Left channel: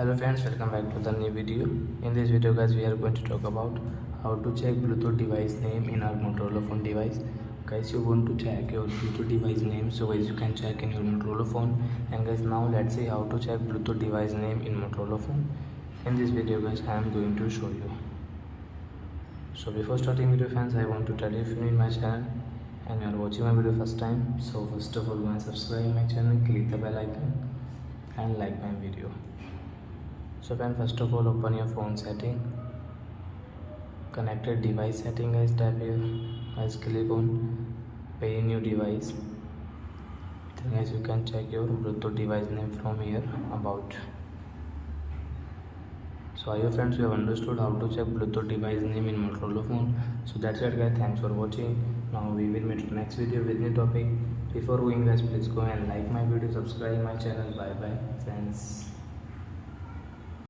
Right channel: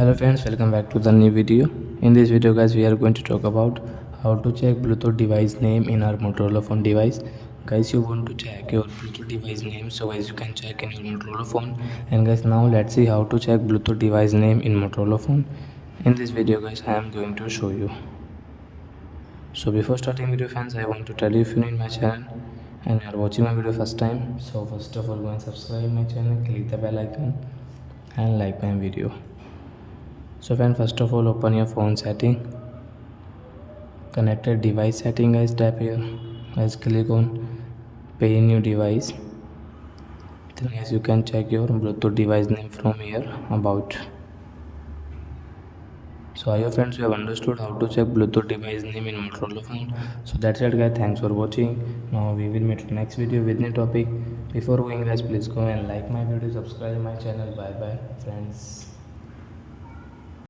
Hello friends, welcome back to the new video. In this video guys, we are going to talk about how to check Bluetooth device name in our Motorola phone device. Guys, you want to check your Bluetooth device name, so guys you can check in your Motorola phone. And guys, now let's see how to check Bluetooth device name in Motorola phone. In this video guys, I am going to show you. So before starting video friends, I want to tell you, if you're new in my channel and you are watching my video first time, so first of all go and subscribe my channel, click the bell icon and like my video. So friend, first of all open your phone setting, connected device setting guys, tap here guys, click on pay new device. Then guys you can check your Bluetooth device name from here, about. So I hope friends you have understood how to check Bluetooth device name in Motorola phone. So that's it guys, thanks for watching. Now we will meet next video with new topic. Before going guys, please go and like my video, subscribe my channel. Bye bye friends.